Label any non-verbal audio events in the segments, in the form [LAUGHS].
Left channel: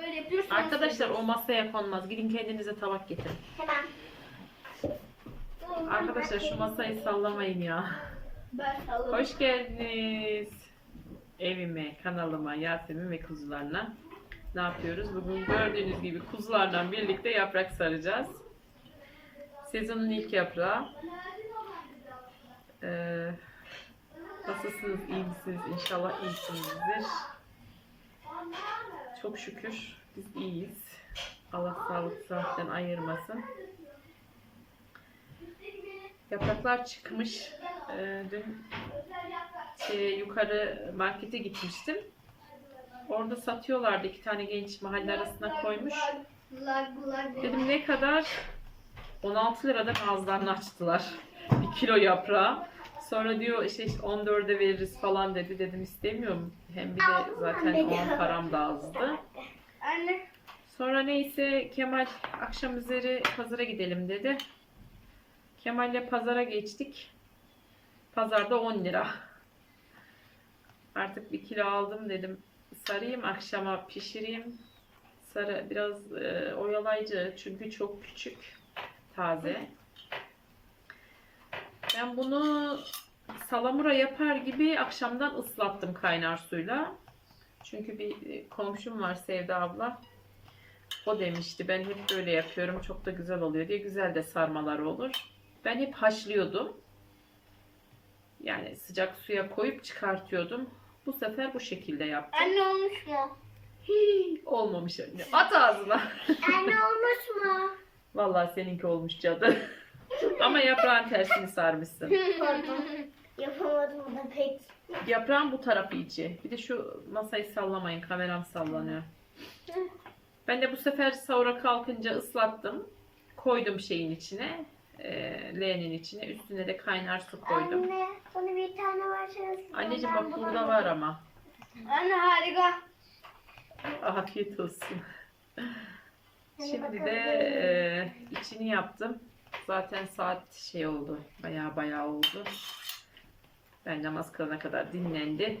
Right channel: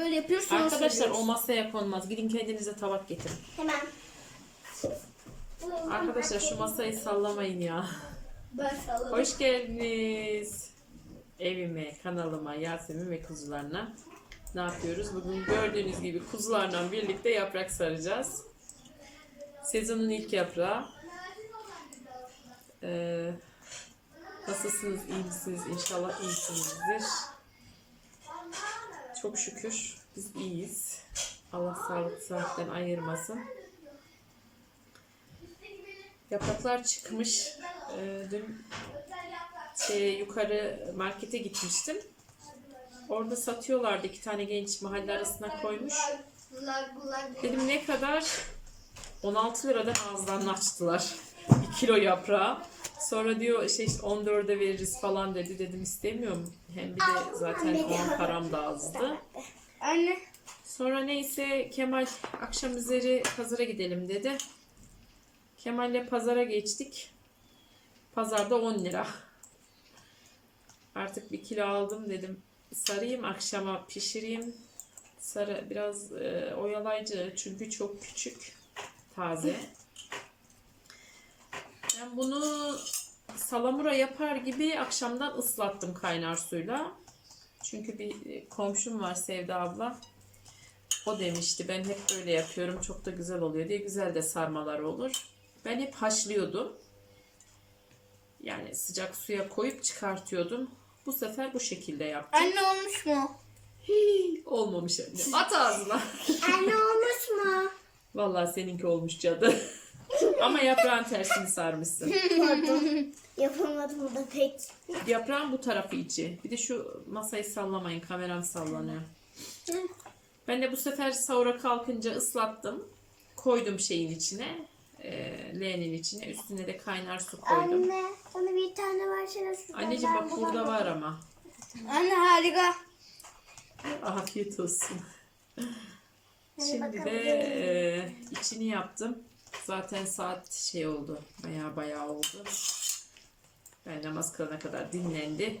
yapıyorsun. Arkadaşlar o masaya konmaz. Gidin kendinize tabak getirin. Hemen. Arkadaşlar şu masayı sallamayın ya. Ben salladım. Hoş geldiniz. Evime, kanalıma, Yasemin ve kuzularına. Ne yapıyoruz? Bugün gördüğünüz gibi kuzularla birlikte yaprak saracağız. Sezonun ilk yaprağı. Ee, nasılsınız? iyi misiniz? İnşallah iyisinizdir. Çok şükür biz iyiyiz. Allah sağlık saatten ayırmasın. Yapraklar çıkmış. Ee, dün şey, yukarı markete gitmiştim. Orada satıyorlardı iki tane genç mahalle arasına koymuş. Dedim ne kadar? 16 liradan ağızlarını açtılar. Bir kilo yaprağı. Sonra diyor işte, işte 14'e veririz falan dedi. Dedim istemiyorum. Hem bir de zaten o an param da azdı. Anne. Sonra neyse Kemal akşam üzeri pazara gidelim dedi. Kemal'le pazara geçtik. Pazarda 10 lira. Artık bir kilo aldım dedim. Sarayım akşama pişireyim. Sarı biraz e, oyalayıcı çünkü çok küçük. Taze. Ben bunu salamura yapar gibi akşamdan ıslattım kaynar suyla. Çünkü bir e, komşum var Sevda abla. O demişti ben hep böyle yapıyorum çok da güzel oluyor diye güzel de sarmalar olur. Ben hep haşlıyordum. Yani sıcak suya koyup çıkartıyordum. Bu sefer bu şekilde yaptım. Anne olmuş mu? Hii, olmamış anne. At ağzına. Anne olmuş mu? Vallahi seninki olmuş cadı. Ama yaprağın tersini sarmışsın. [LAUGHS] Yapamadım da pek. Yaprağın bu tarafı içi. Bir de şu masayı sallamayın. Kameram sallanıyor. Ben de bu sefer sahura kalkınca ıslattım. Koydum şeyin içine. E, leğenin içine. Üstüne de kaynar su koydum. Anne bana bir tane versene. Anneciğim bak burada var ama. Anne harika. Afiyet olsun. Şimdi de e, içini yaptım. Zaten saat şey oldu. Baya baya oldu. Ben namaz kılana kadar dinlendi.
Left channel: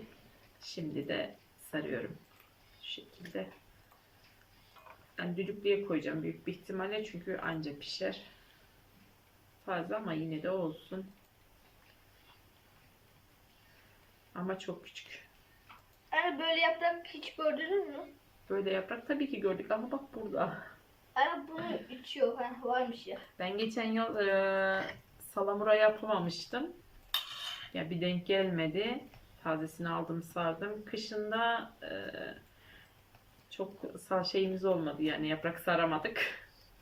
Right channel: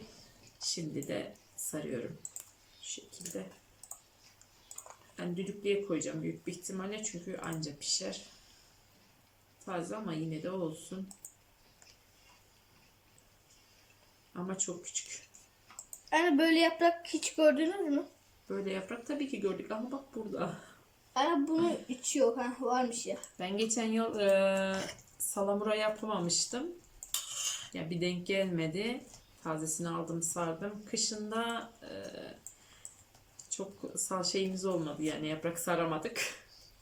Şimdi de sarıyorum. Şu şekilde. Ben düdüklüye koyacağım büyük bir ihtimalle çünkü anca pişer. Taze ama yine de olsun. Ama çok küçük. Anne böyle yaprak hiç gördünüz mü? Böyle yaprak tabii ki gördük ama bak burada. Anne bunun içi yok. Ha, varmış ya. Ben geçen yıl e, salamura yapamamıştım. Ya bir denk gelmedi. Tazesini aldım sardım. Kışında e, çok sağ şeyimiz olmadı yani yaprak saramadık.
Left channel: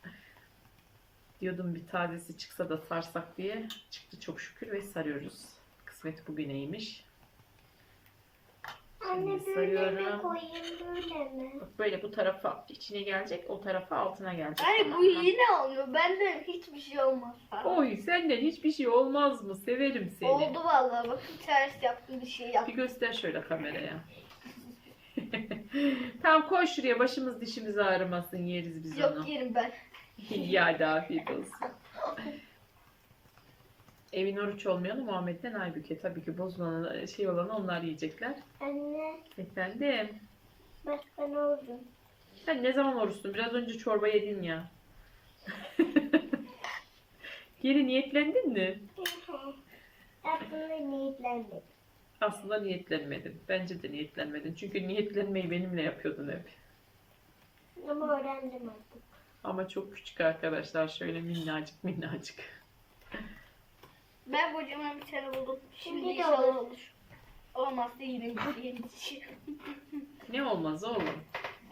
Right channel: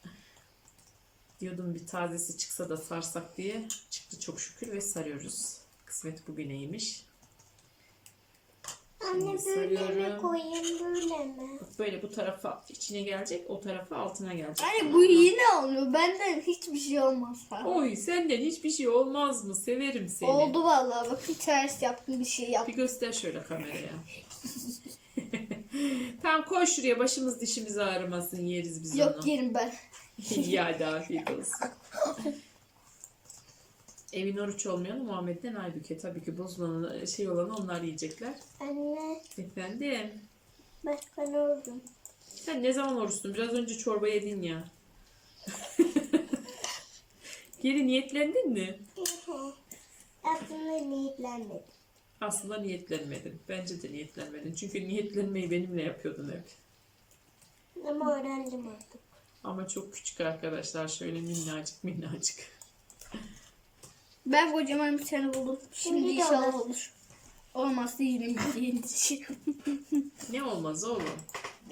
[LAUGHS] Diyordum bir tazesi çıksa da sarsak diye. Çıktı çok şükür ve sarıyoruz. Kısmet bugüneymiş. Anne böyle mi sarıyorum. koyayım böyle mi? Bak böyle bu tarafa içine gelecek, o tarafa altına gelecek. Anne bu yine olmuyor. Benden hiçbir şey olmaz. Ha. Oy senden hiçbir şey olmaz mı? Severim seni. Oldu vallahi. Bakın ters yaptım bir şey Bir yaptım. göster şöyle kameraya. [LAUGHS] tamam koy şuraya başımız dişimiz ağrımasın yeriz biz Yok onu. yerim ben. [LAUGHS] İyi hadi afiyet olsun. [LAUGHS] Evin oruç olmayanı Muhammed'den Aybüke. Tabii ki bozulan şey olanı onlar yiyecekler. Anne Efendim. bak ben oldum. Sen ne zaman oruçtun? Biraz önce çorba yedin ya. [LAUGHS] Geri niyetlendin mi? [LAUGHS] Aslında niyetlenmedim. Aslında niyetlenmedim. Bence de niyetlenmedin. Çünkü niyetlenmeyi benimle yapıyordun hep. Ama öğrendim artık. Ama çok küçük arkadaşlar. Şöyle minnacık minnacık. Ben kocaman bir tane buldum. Şimdi, Şimdi inşallah olur. yine bir yeni dişi. Ne olmaz oğlum?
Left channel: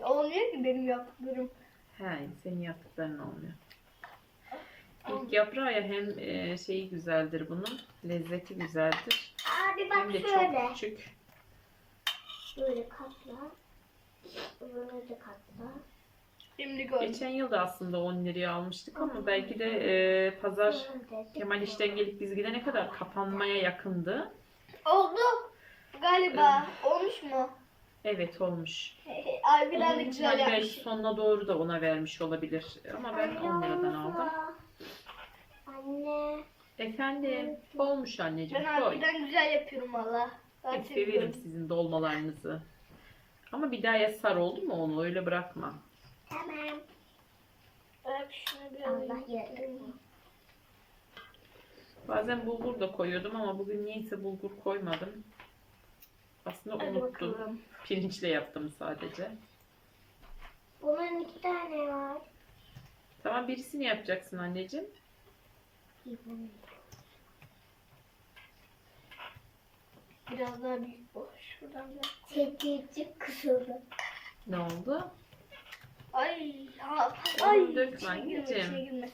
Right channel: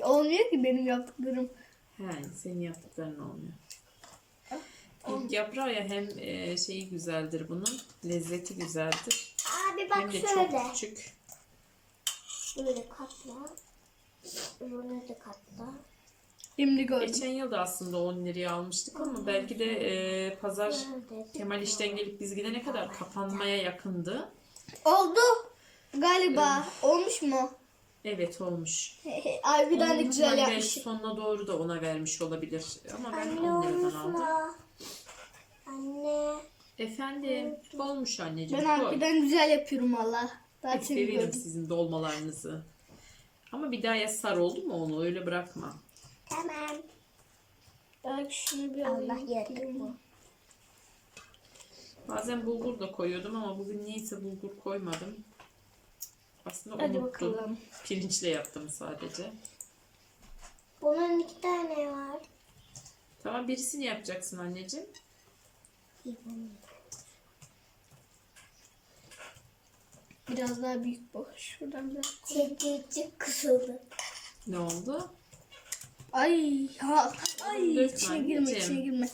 Olmuyor ki benim yaptıklarım. He, senin yaptıkların olmuyor. İlk yaprağı ya hem e, şeyi güzeldir bunun, lezzeti güzeldir. Abi bak Hem de şöyle. çok küçük. Böyle katla. Böyle de katla. Şimdi gördüm. Geçen yıl da aslında 10 liraya almıştık ama belki de e, pazar. Kemal işten gelip biz gidene kadar kapanmaya yakındı. Oldu. Galiba. Olmuş mu? Evet olmuş. Harbiden de Onun güzel yapmış. belki sonuna doğru da ona vermiş olabilir. Ama ben 10 liradan aldım. Anne. Efendim olmuş anneciğim Ben koy. harbiden güzel yapıyorum valla. Zaten Severim biliyorum. sizin dolmalarınızı. Ama bir daha ya sar oldu mu onu öyle bırakma. Tamam. Belki şunu bir Allah alayım. yarabbim. Bazen bulgur da koyuyordum ama bugün niyeyse bulgur koymadım. Aslında Hadi unuttum. bakalım. Pirinçle yaptım sadece. Bunun iki tane var. Tamam birisini yapacaksın anneciğim. Biraz daha büyük bu. Şuradan biraz. Çekici kısıldı. Ne oldu? Ay ha. Oğlum Ay dökme içine girme anneciğim. içine girme.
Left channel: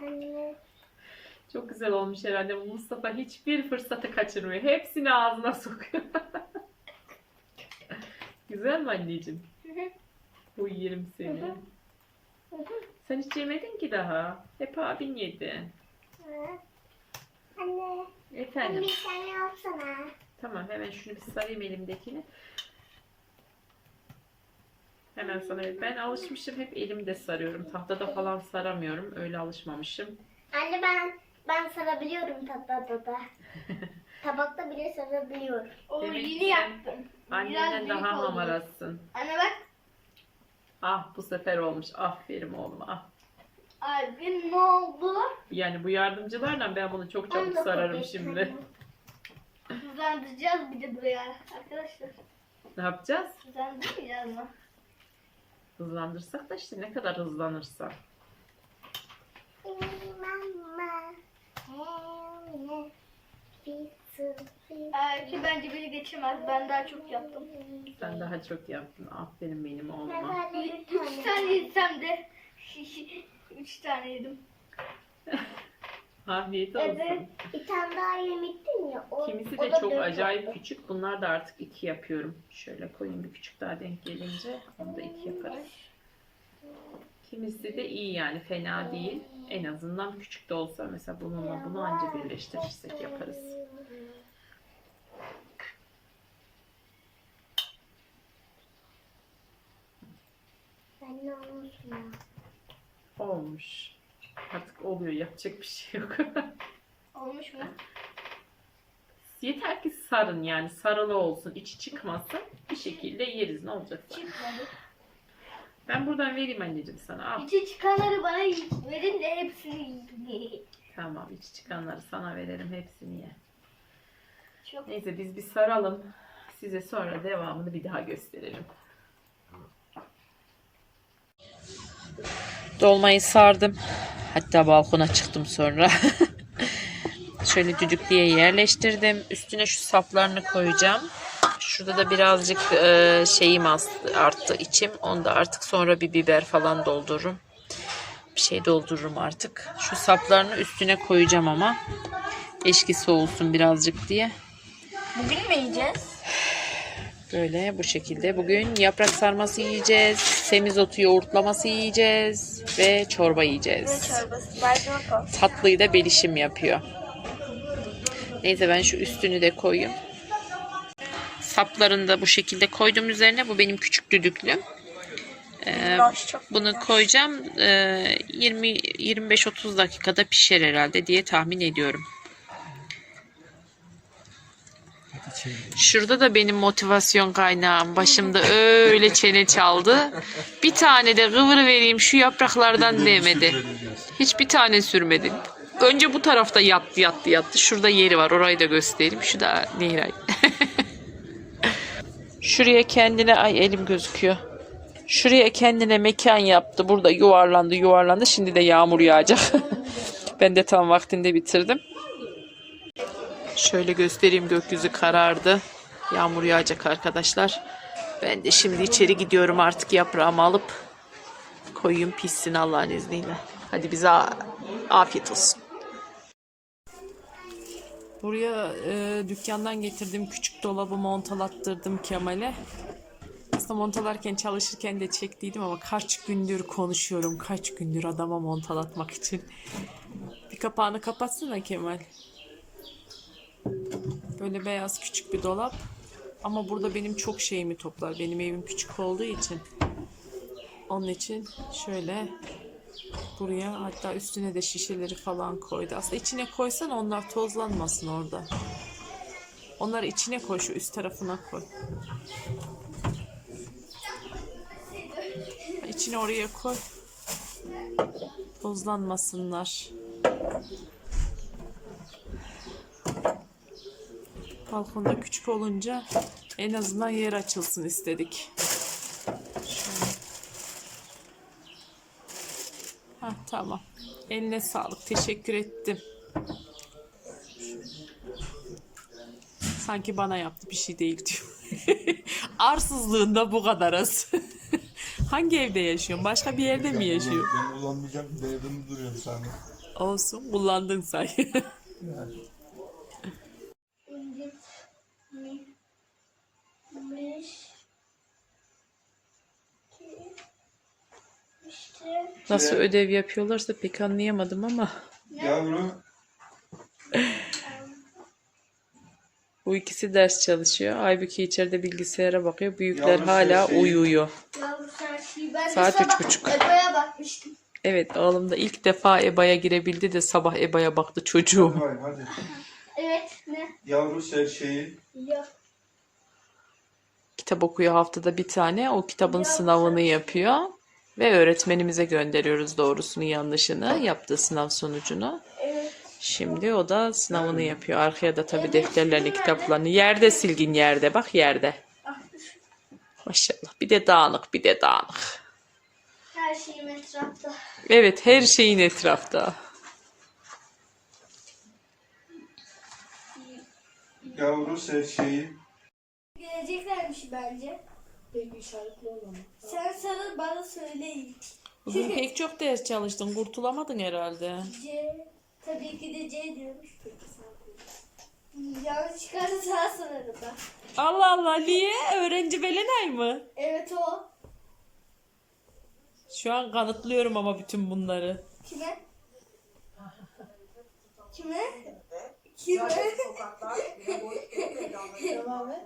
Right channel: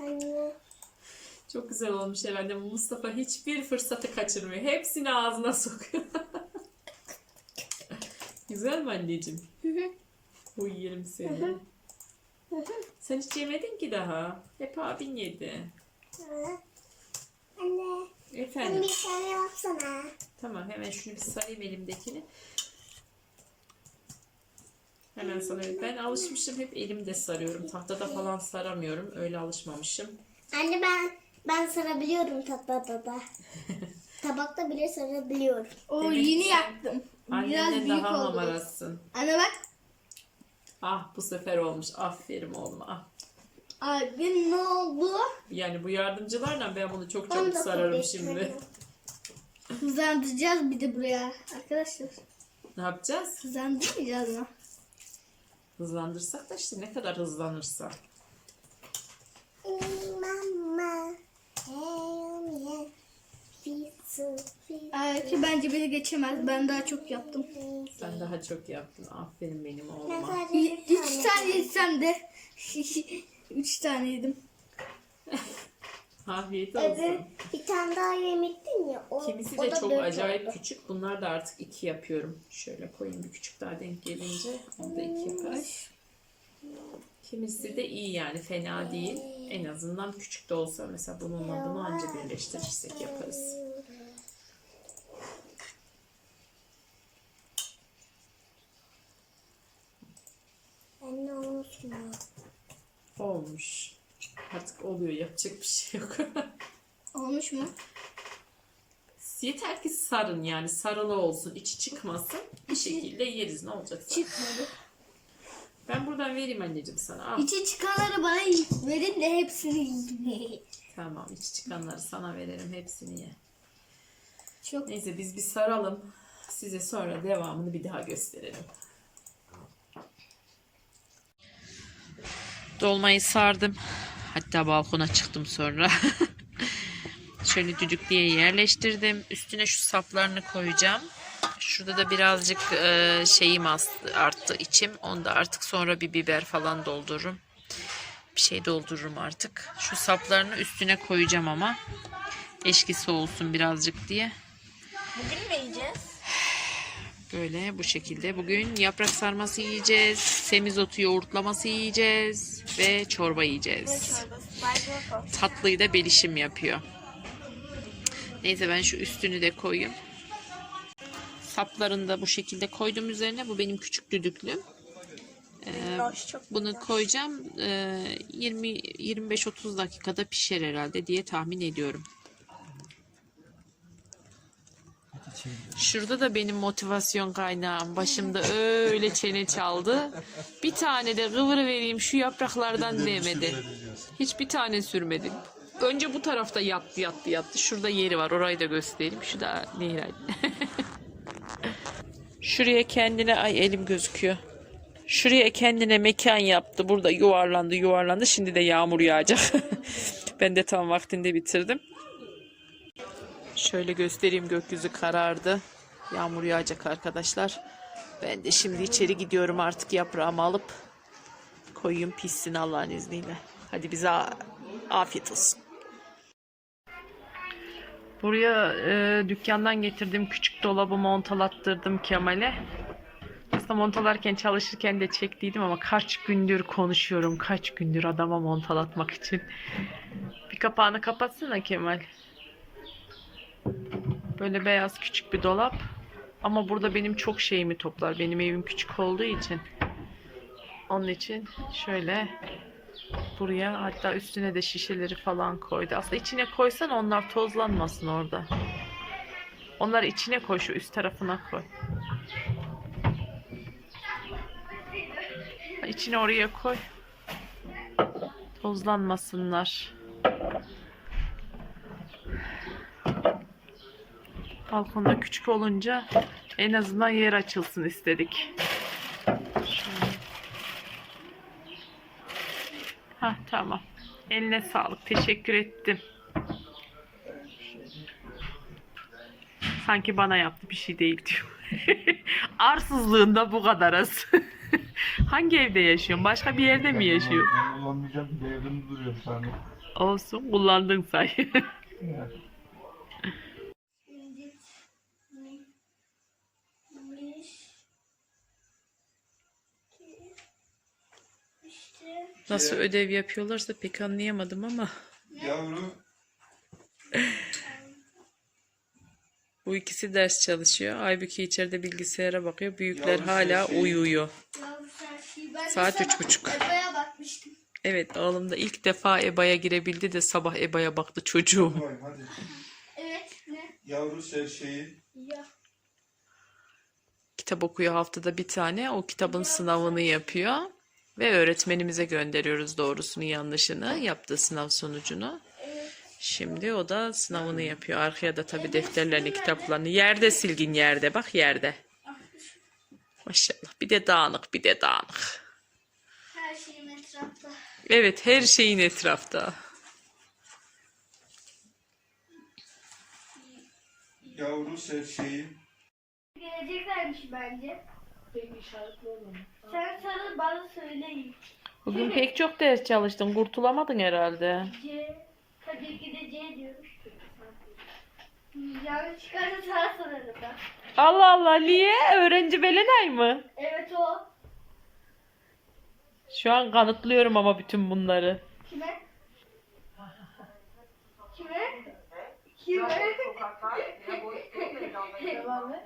Anne. Çok güzel olmuş herhalde. Bu Mustafa hiçbir fırsatı kaçırmıyor. Hepsini ağzına [LAUGHS] sokuyor. güzel mi anneciğim? Hı hı. Bu yerim seni. Sen hiç yemedin ki daha. Hep abin yedi. Anne. Efendim. Bir tane yapsana. Tamam hemen şunu bir sarayım elimdekini. Hemen sana ben alışmışım hep elimde sarıyorum. Tahtada falan saramıyorum. Öyle alışmamışım. Anne ben ben sarabiliyorum tatlıda da. [LAUGHS] Tabakta bile sarabiliyorum. O Demek yeni ki sen yaptım. Biraz Annenden daha oldu. hamarasın. Anne bak. Ah bu sefer olmuş. Aferin oğluma. Ah. Abi ne oldu? Yani bu yardımcılarla ben bunu çok çabuk sararım şimdi. Hızlandıracağız bir de buraya arkadaşlar. Ne yapacağız? Hızlandırmayacağız mı? Hızlandırsak da işte ne kadar hızlanırsa. Belki bence beni geçemez. Ben daha çok yaptım. Sen daha çok yaptın. Aferin benim Ben oğluma. Üç tane. yesem de [LAUGHS] üç tane yedim. [LAUGHS] Afiyet Evet, olsun. bir tane daha yemiştin ya. O, Kimisi o de da çok acayip oldu. küçük. Bunlar da artık iki yapıyorum. Şöyle koyayım bir küçük daha denk gelince. Onu da iki yaparız. Kimisi de iyi yani fena değil. En azından küçük de olsa mesela bununla bunu anca birleştirirsek yaparız. Ben ne olmuş mu? Olmuş. Artık oluyor yapacak bir şey yok. [LAUGHS] Olmuş mu? Yeter ki sarın yani sarılı olsun içi çıkmasın. Bir şekilde yeriz ne olacak zaten. Çıkmadı. Ben buradan vereyim anneciğim sana. Al. İçi çıkanları bana verin de hepsini yiyeyim. Tamam içi çıkanları sana verelim hepsini ye. Çok Neyse biz bir saralım. Size sonra devamını bir daha gösterelim. Dolmayı sardım. Hatta balkona çıktım sonra. [LAUGHS] Şöyle düdüklüye yerleştirdim. Üstüne şu saplarını koyacağım. Şurada da birazcık e, şeyim arttı içim. Onu da artık sonra bir biber falan doldururum. Bir şey doldururum artık. Şu saplarını üstüne koyacağım ama. Eşkisi olsun birazcık diye. Bugün mü yiyeceğiz? Böyle bu şekilde. Bugün yaprak sarması yiyeceğiz. Semizotu yoğurtlaması yiyeceğiz. Ve çorba yiyeceğiz. Çorbası. Tatlıyı da belişim yapıyor. Neyse ben şu üstünü de koyayım. Saplarını da bu şekilde koydum üzerine. Bu benim küçük düdüklüm. Ee, bunu koyacağım. Ee, 20 25-30 dakikada pişer herhalde diye tahmin ediyorum. Şurada da benim motivasyon kaynağım. Başımda öyle çene çaldı. Bir tane de kıvırı vereyim şu yapraklardan demedi. Hiçbir tane sürmedi. Önce bu tarafta yattı yattı yattı. Şurada yeri var. Orayı da göstereyim. Şu da Nehray. [LAUGHS] Şuraya kendine ay elim gözüküyor. Şuraya kendine mekan yaptı. Burada yuvarlandı yuvarlandı. Şimdi de yağmur yağacak. [LAUGHS] ben de tam vaktinde bitirdim. Şöyle göstereyim gökyüzü karardı. Yağmur yağacak arkadaşlar. Ben de şimdi içeri gidiyorum artık yaprağımı alıp koyayım pişsin Allah'ın izniyle. Hadi bize afiyet olsun. Buraya e, dükkandan getirdiğim küçük dolabı montalattırdım Kemal'e. Aslında montalarken çalışırken de çektiydim ama kaç gündür konuşuyorum. Kaç gündür adama montalatmak için. Bir kapağını kapatsana Kemal. Böyle beyaz küçük bir dolap. Ama burada benim çok şeyimi toplar. Benim evim küçük olduğu için. Onun için şöyle buraya hatta üstüne de şişeleri falan koydu. Aslında içine koysan onlar tozlanmasın orada. Onları içine koy şu üst tarafına koy. İçine oraya koy. Tozlanmasınlar. Balkonda küçük olunca en azından yer açılsın istedik. Şöyle. Ha tamam. Eline sağlık. Teşekkür ettim. Sanki bana yaptı bir şey değil diyor. [LAUGHS] Arsızlığında bu kadar az. [LAUGHS] Hangi evde yaşıyorsun? Başka bir yerde mi yaşıyor? Ben kullanmayacağım. Devrimde duruyorum saniye. Olsun kullandın say. [LAUGHS] Yani. Nasıl ödev yapıyorlarsa pek anlayamadım ama Yavru bu ikisi ders çalışıyor. Aybüke içeride bilgisayara bakıyor. Büyükler hala şey- uyuyor. Yavru sen şey ben de Saat sabah üç buçuk. Eba'ya bakmıştım. Evet oğlum da ilk defa EBA'ya girebildi de sabah EBA'ya baktı çocuğum. Vay hadi. Evet ne? Yavru ser şeyi Yok. Kitap okuyor haftada bir tane. O kitabın sınavını yapıyor. Ve öğretmenimize gönderiyoruz doğrusunu yanlışını. Yaptığı sınav sonucunu. Evet. Şimdi o da sınavını yapıyor. Arkaya da tabii defterlerini, kitaplarını. Yerde silgin yerde. Bak yerde. Maşallah. Bir de dağınık, bir de dağınık. Her şeyim etrafta. Evet, her şeyin etrafta. Yavru ser şeyi Geleceklermiş bence. İşaretli? Sen sarıl bana söyleyin. Bugün pek çok ders çalıştın. Kurtulamadın herhalde. C. Tabii ki de C diyormuş. Yanlış çıkarsa sana sorarım ben. Allah Allah, Liye öğrenci Belenay mı? Evet o. Şu an kanıtlıyorum ama bütün bunları. Kime? Kime? Kime? Devam et.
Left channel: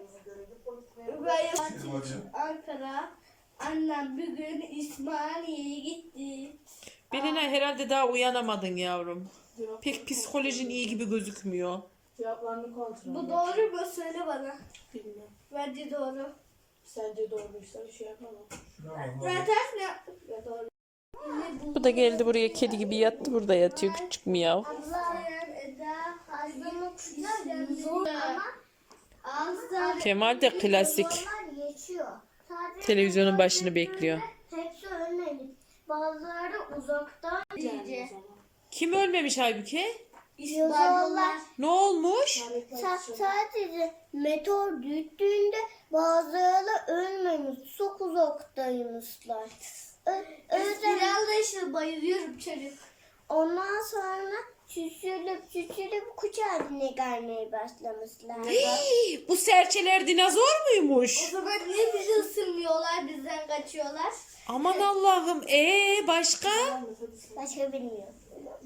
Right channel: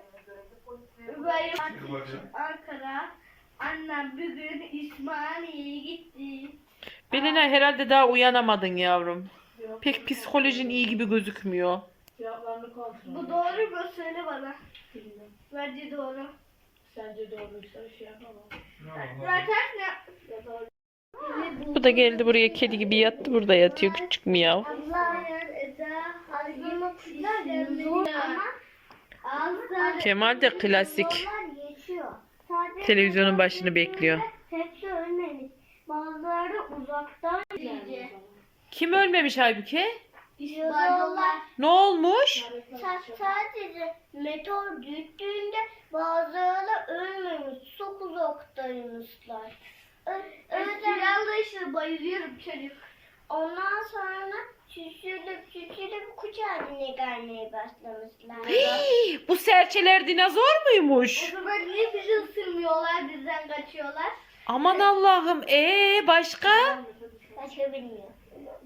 Ankara. Annem bugün İsmail'e gitti. Belenay herhalde daha uyanamadın yavrum. Pek psikolojin iyi gibi gözükmüyor. cevaplarını kontrol Bu et. doğru mu? Söyle bana. Bilmiyorum. Bence doğru. Sence doğruysa bir şey yapamam. Zaten ne? Ya doğru. Bu da geldi buraya kedi gibi yattı burada yatıyor küçük miyav. Hazırlık zor ama ağızlar Kemal de klasik televizyonun başını bekliyor. hepsi ölmemiş. Bazıları uzaktan iyice. Kim ölmemiş? İspanyollar. Ne olmuş? Sa- sadece meteor düştüğünde bazıları ölmemiş. Çok uzaktaymışlar. Ö- öyle İspanyollar işte bayılıyorum çocuk. Ondan sonra küçülüp küçülüp kuş haline gelmeye başlamışlar. [GASPS] Bu serçeler dinozor O muymuş? zaman niye bizi ısırmıyorlar bizden kaçıyorlar? Aman Allah'ım. Ee başka? Başka bilmiyorum.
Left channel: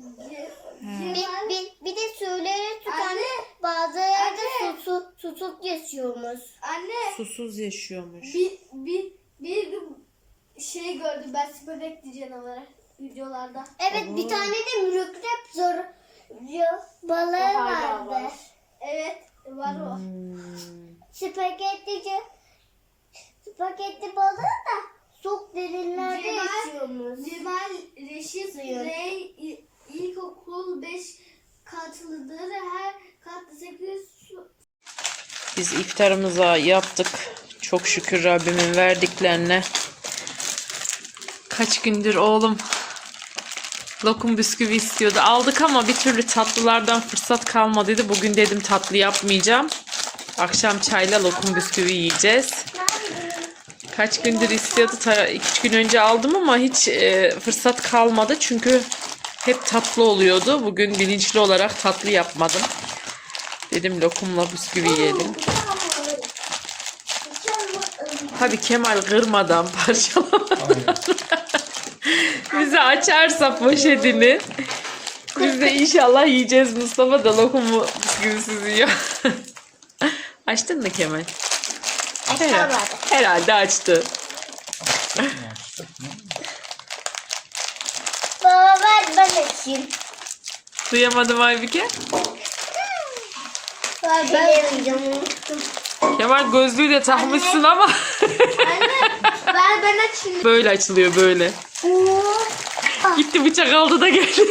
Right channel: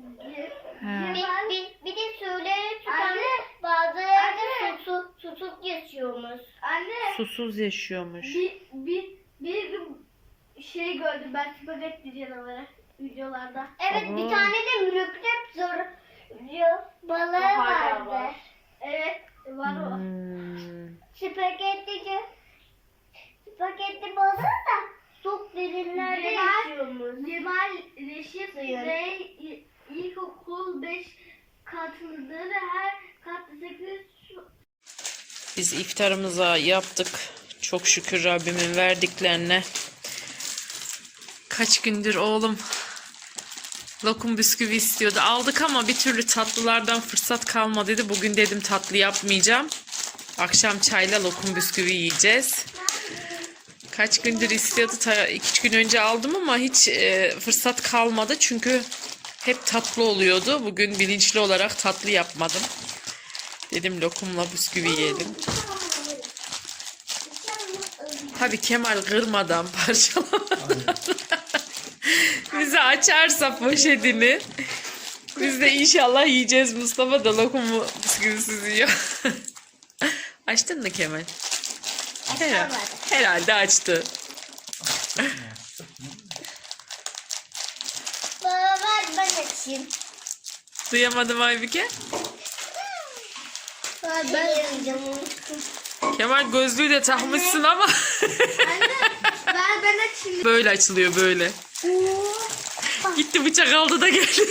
Bir, bir, bir de suyları tutan bazıları da su, su, tutup yaşıyormuş. Anne Susuz yaşıyormuş. bir, bir, bir şey gördüm ben spagetti canavarı videolarda. Evet bir tane de mürekkep zor balığı vardı. var. Evet var o. Hmm. Spagettici spagetti balığı da çok derinlerde yaşıyormuş. Cemal Reşit İ- İlkokul 5 katlıdır. Her katta 8 su. Biz iftarımıza yaptık. Çok şükür Rabbimin verdiklerine. Kaç gündür oğlum lokum bisküvi istiyordu. Aldık ama bir türlü tatlılardan fırsat kalmadıydı. Bugün dedim tatlı yapmayacağım. Akşam çayla lokum bisküvi yiyeceğiz. Kaç gündür istiyordu. 2 gün önce aldım ama hiç e, fırsat kalmadı. Çünkü hep tatlı oluyordu. Bugün bilinçli olarak tatlı yapmadım. Dedim lokumla bisküvi yiyelim. Tabii Kemal kırmadan [LAUGHS] parçalamadan. Bize açarsa poşetini. Biz de inşallah yiyeceğiz. Mustafa da lokumu bisküvisiz yiyor. [LAUGHS] Açtın mı Kemal? Herhalde, herhalde açtı. Baba ver ben açayım. Duyamadım Aybüke. Ben açacağım. Kemal gözlüğü de takmışsın ama Anne ver ben açayım. böyle açılıyor böyle. Gitti bıçak aldı da geldi.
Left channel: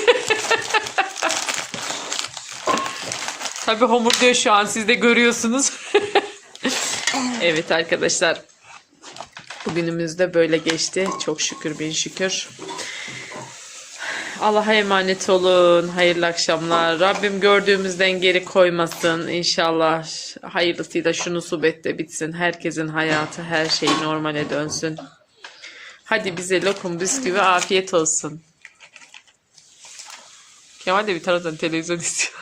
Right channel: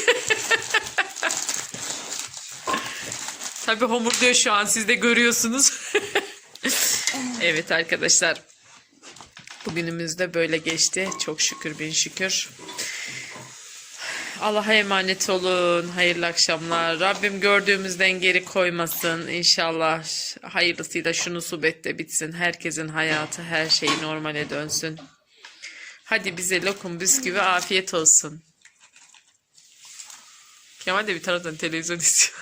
Tabii homur diyor şu an siz de görüyorsunuz. evet arkadaşlar. Bugünümüz de böyle geçti. Çok şükür bin şükür. Allah'a emanet olun. Hayırlı akşamlar. Rabbim gördüğümüzden geri koymasın. İnşallah hayırlısıyla şu musibet de bitsin. Herkesin hayatı, her şey normale dönsün. Hadi bize lokum, bisküvi afiyet olsun. Kemal de bir taraftan televizyon [LAUGHS] izliyor.